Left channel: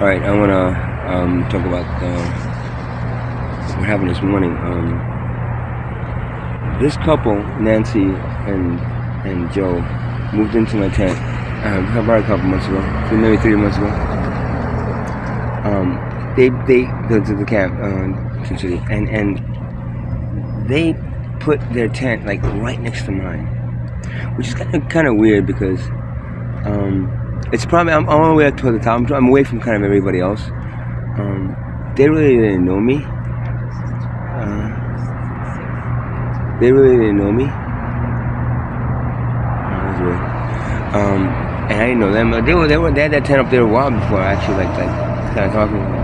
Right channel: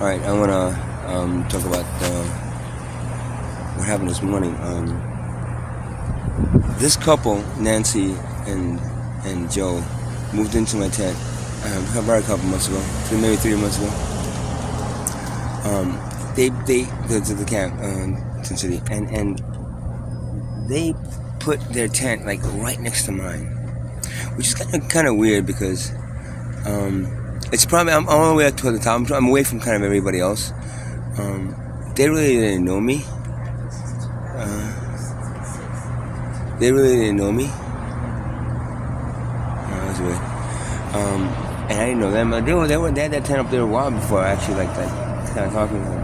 Alright, I want to talk about what happened this morning. This couple, Nancy and Joe, moved into my tent about a couple months ago, maybe 3 months ago. They go to the camp, essentially, and they put their tent like right next to mine, which is kind of weird because it's probably I'm all the way up to the top. I'm away from kind of everybody else. They really didn't know me. That was weird. And I didn't know them. They had that tent up there a while before I actually like that kind of talking to them.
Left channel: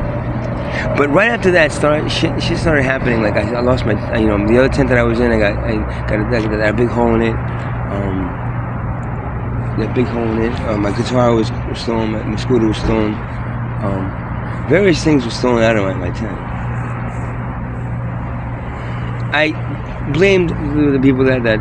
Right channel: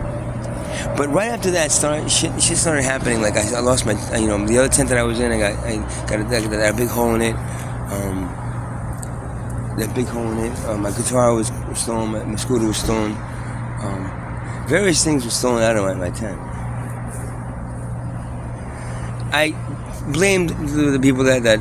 But right after that, shit started happening. Like I lost my, the other tent that I was in. I got that big hole in it. My guitar was stolen. My scooter was stolen. Various things were stolen out of my tent. I blamed the people that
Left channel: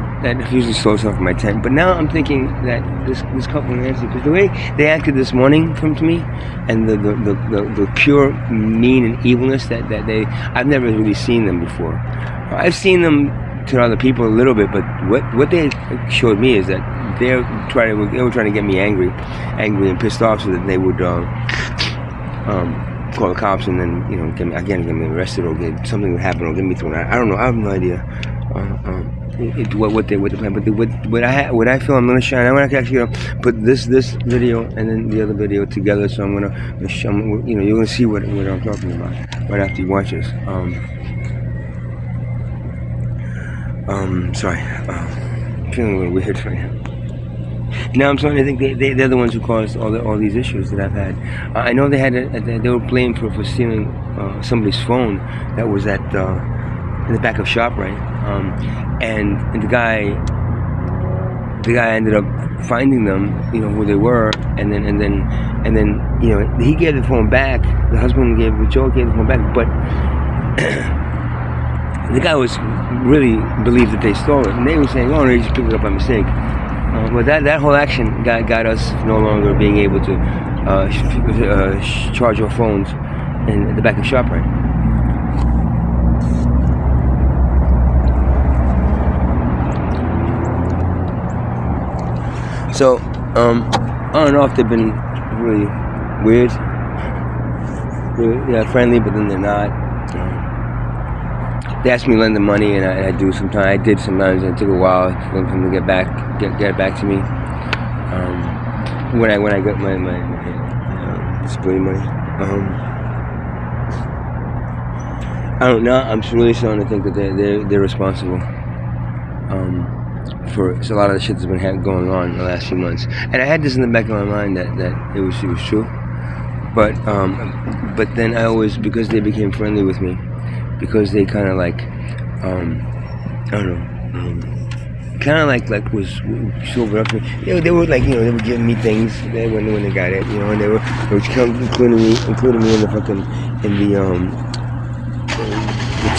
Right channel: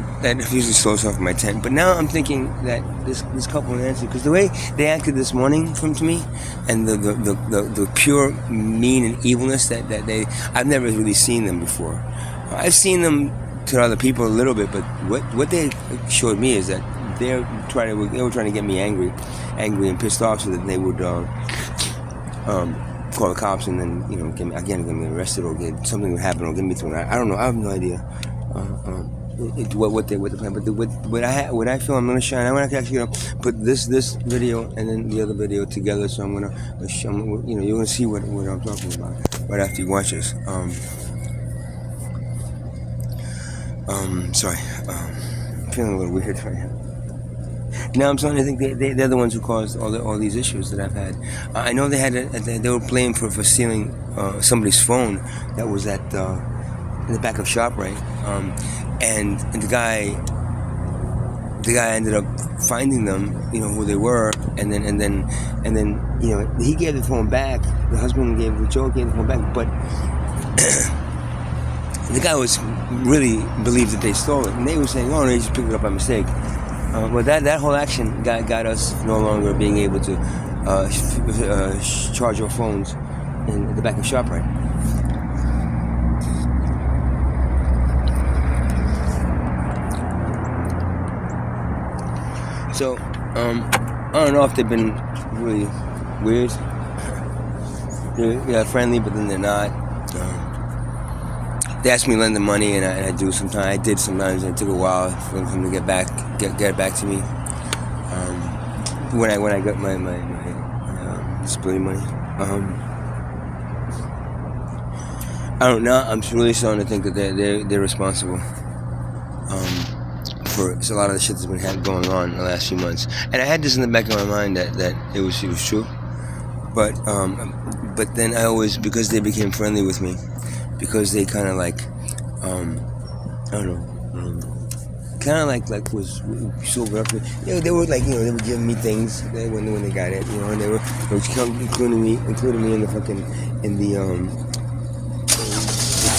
usually stole stuff from my tent, but now I'm thinking that this couple Nancy, because the way they acted this morning to me, and the pure mean and evilness that I've never really seen them before. I've seen them to other people a little bit, but what they showed me is that they were trying to get me angry and pissed off, so that they would call the cops and then get me arrested, or something would happen, or get me thrown out. I don't know. I have no idea what the plan. But what I feel I'm gonna shine. I'm gonna actually put this video and then the other video together. So I'm gonna you're gonna see what I'm talking about right after you watch this. Sorry. I'm feeling a little weird right now. Now I'm starting to think they're the ones who caused all these issues that I've had. I know they were blamed for stealing somebody's phone that was at in the back of ShopRite, and the guy ended up finding them, who they were, and then he gave the phone back. The husband gave the phone back, but the guy was really believed that they stole it, and they were saying, "Oh, no, he just picked it up by mistake." But that whole action got us no longer being able to charge our phones in the back of ShopRite. So I don't know if they've been really weird. They're friendly, but then they're not. They asked me to lend them money, and I do sometimes. I did sometimes, and it took a while for them to get it back to me. When I got my disability money. I don't know. I'm really starting to think that they're responsible for a lot of the shit that's been going on in the last few months. And I had this in the back of my mind that it was true. But then I always, because they became friendly with me, because they kind of like, I don't know, kind of like was sobered up. They were like, they were giving me things when they got it, and they were including me in the fucking the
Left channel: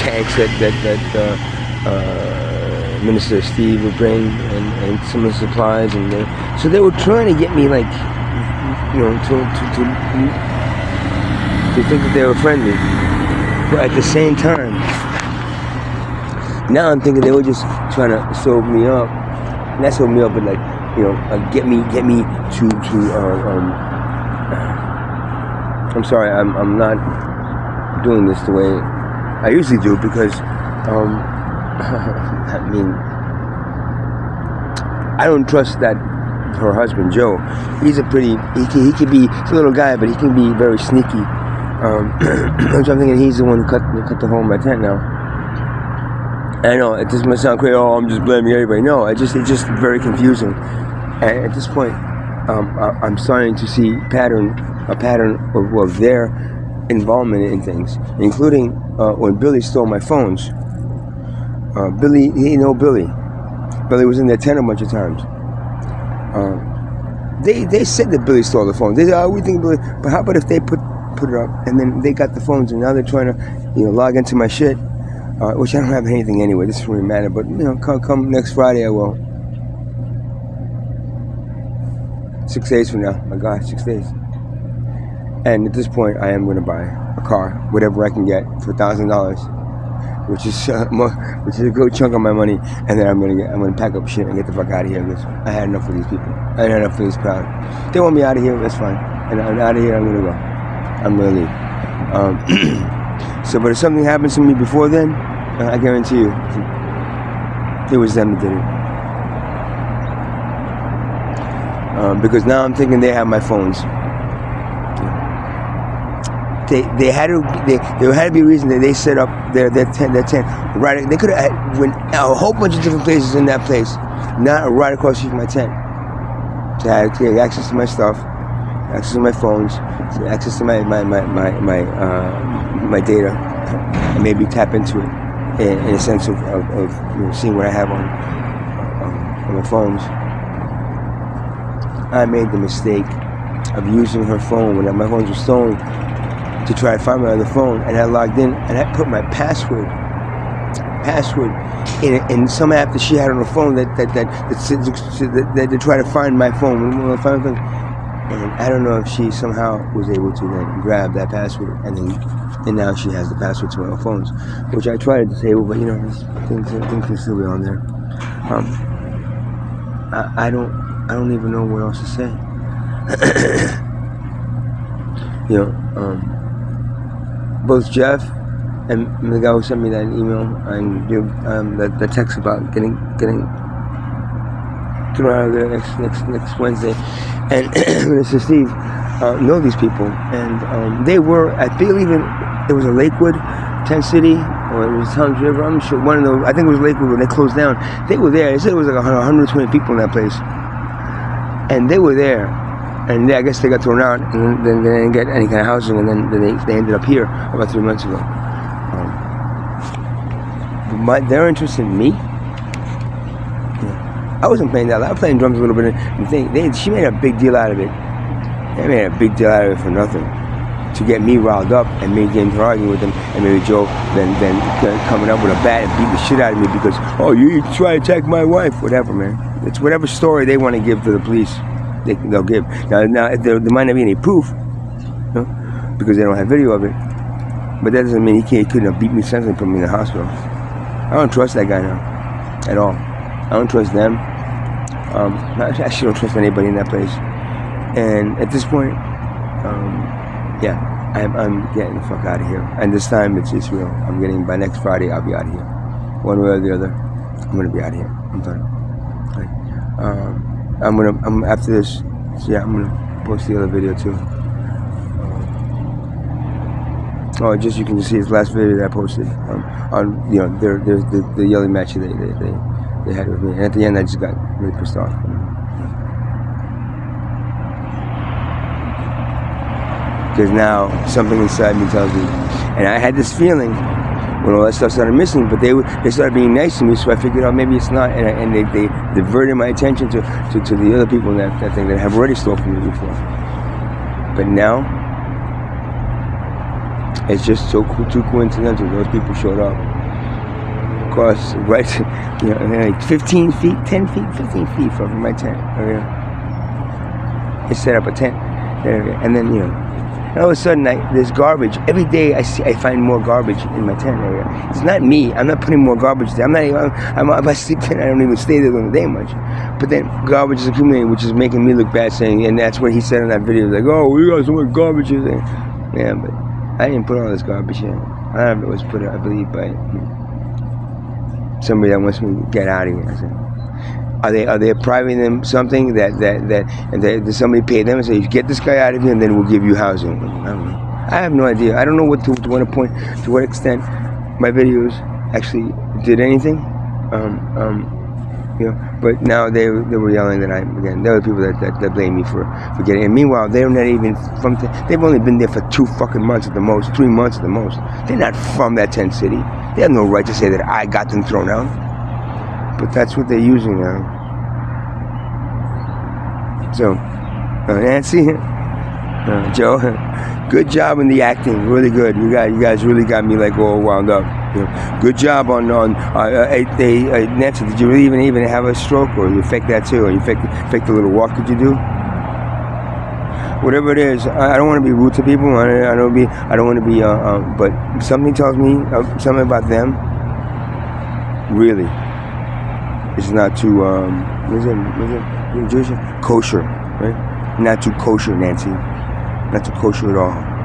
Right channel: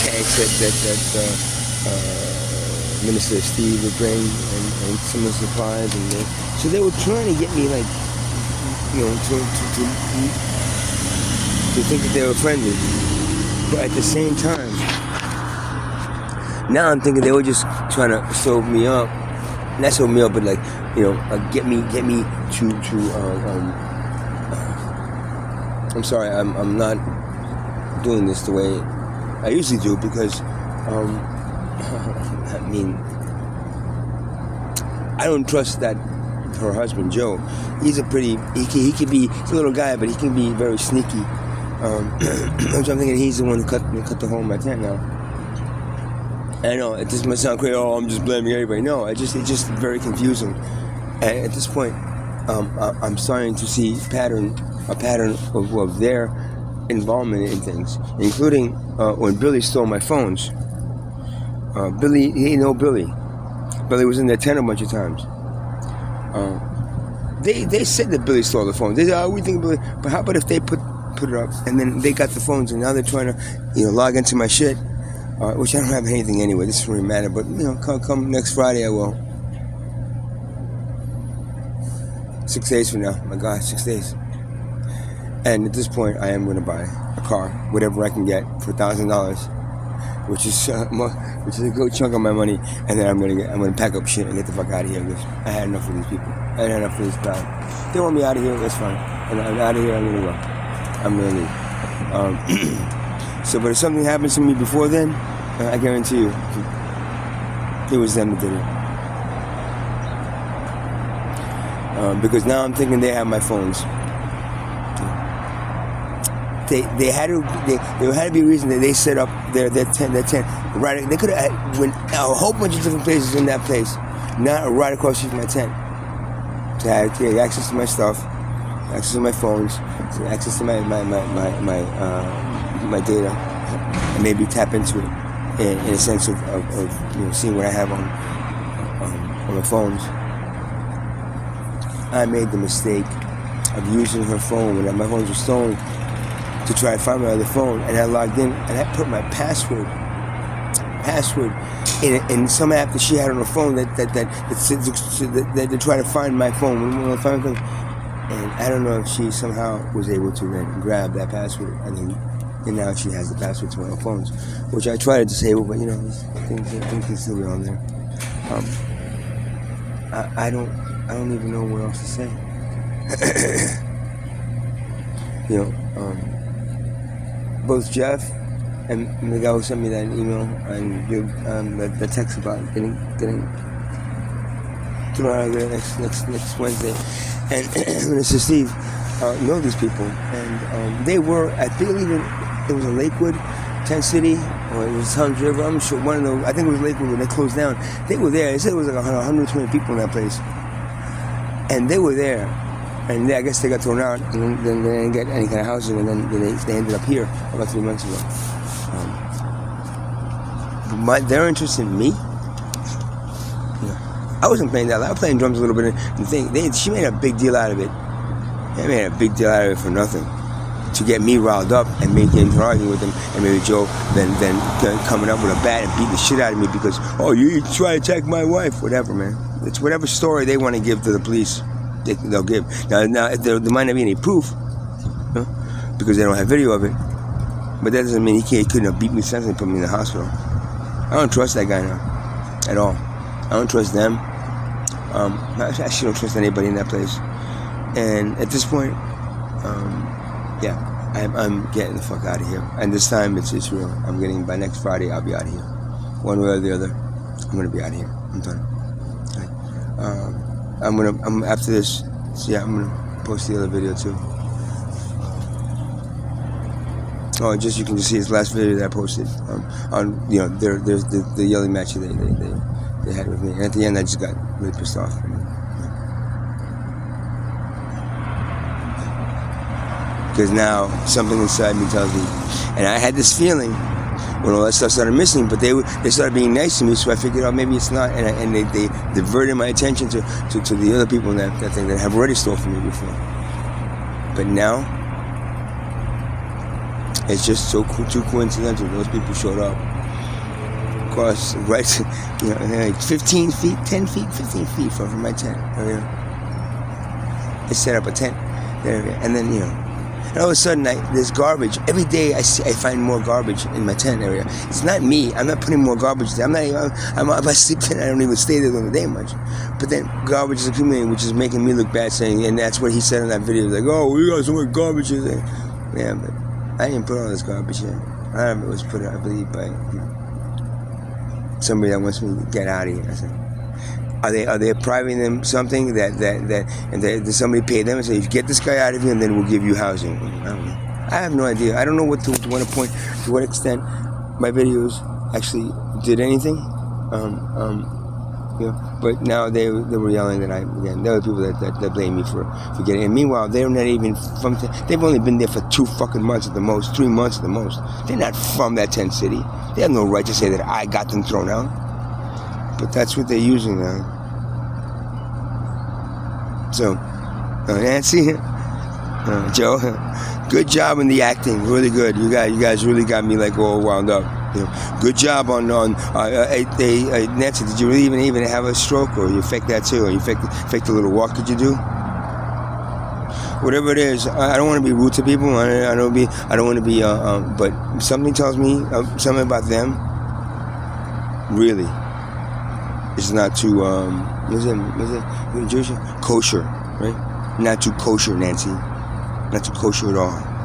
tanks that Minister Steve would bring, and some of the supplies, and so they were trying to get me like, to think that they were friendly. But at the same time, now I'm thinking they were just trying to sober me up. Not sober me up, but like, get me to. I'm sorry, I'm not doing this the way I usually do, because I don't trust that her husband Joe. He's he's a little guy, but he can be very sneaky. So I'm thinking he's the one who cut the hole in my tent now. And I know it just might sound crazy. Oh, I'm just blaming everybody. No, it's just very confusing. And at this point, I'm starting to see a pattern of their involvement in things, including when Billy stole my phones. Billy was in their tent a bunch of times. They said that Billy stole the phone. They said, "Oh, we think Billy," but how about if they put it up, and then they got the phones, and now they're trying to, log into my shit, which I don't have anything anyway. This doesn't really matter, but come next Friday I will. 6 days from now, my God, 6 days. And at this point, I am going to buy a car, whatever I can get, for $1,000, which is a good chunk of my money. And then I'm gonna pack up shit and get the fuck out of here. Because I had enough of these people. I had enough of this crowd. They want me out of here. That's fine. And I'm out of here. I'm gonna go. I'm gonna leave. So, but if something happens to me before then, I guarantee you, it was them that did it. Because now I'm thinking they have my phones. There had to be a reason that they set up their tent right. They could have went a whole bunch of different places in that place, not right across the street from my tent, to have access to my stuff, access to my phones, access to my data, and maybe tap into it in a sense of seeing what I have on my phones. I made the mistake of using her phone when my phones were stolen to try to find my other phone, and I logged in and I put my password in some app that she had on her phone that to try to find my phone. And I don't know if she somehow was able to then grab that password, and now she has the password to my phones, which I tried to disable, but things can still be on there. I don't even know what else to say. Both Jeff and the guy who sent me that email and the text about getting thrown out of there next Wednesday, and Mr. Steve know these people, and they were, I believe it was a Lakewood, Tent City, or it was Towns River. I'm sure one of those. I think it was Lakewood when they closed down. They were there. They said it was like 120 people in that place, and they were there. And I guess they got thrown out, and then they didn't get any kind of housing, and then they ended up here about 3 months ago. Their interest in me, I wasn't playing that. I was playing drums a little bit, and she made a big deal out of it. They made a big deal out of it for nothing, to get me riled up and me getting to argue with them, and maybe Joe then coming up with a bat and beating the shit out of me because, oh, you try to attack my wife, whatever, man. It's whatever story they want to give to the police. They'll give. Now there might not be any proof, because they don't have video of it. But that doesn't mean he couldn't have beat me senseless and put me in the hospital. I don't trust that guy now, at all. I don't trust them. I actually don't trust anybody in that place. And at this point, I'm getting the fuck out of here. And this time it's real. By next Friday, I'll be out of here. One way or the other, I'm gonna be out of here. I'm done. After this, I'm gonna post the other video too. You can just see his last video that I posted. There's the yelling match they had with me, and at the end I just got really pissed off. Because now something inside me tells me, and I had this feeling when all that stuff started missing, but they started being nice to me, so I figured out maybe it's not, and they diverted my attention to the other people in that thing that have already stole from me before. But now, it's just too coincidental. Those people showed up. Of course, right, like 15 feet, 10 feet, 15 feet from my tent. Okay? They set up a tent there, and then, and all of a sudden, there's garbage. Every day I find more garbage in my tent area. It's not me. I'm not putting more garbage there. If I sleep there, I don't even stay there during the day much. But then garbage is accumulating, which is making me look bad, and that's what he said in that video. Like, oh, we got so much garbage in there. Yeah, but I didn't put all this garbage in. A lot of it was put, I believe, by somebody that wants me to get out of here. So, are they depriving them something that somebody paid them and say, get this guy out of here and then we'll give you housing? I don't know. I have no idea. I don't know what to what point, to what extent my videos actually did anything. But now they were yelling that there were people that blame me for getting. And meanwhile, they're not even from. They've only been there for 2 fucking months at the most, 3 months at the most. They're not from that tent city. They have no right to say that I got them thrown out. But that's what they're using now. So, Nancy, Joe, good job in the acting, really good. You guys really got me like all wound up. Good job on Nancy. Did you really even have a stroke, or you faked that too, or you faked a little walk? Did you do? whatever it is. I don't want to be rude to people. I don't want to be. But something tells me something about them. Really, it's not too. Is it Jewish? Kosher, right? Not too kosher, Nancy. Not too kosher at all.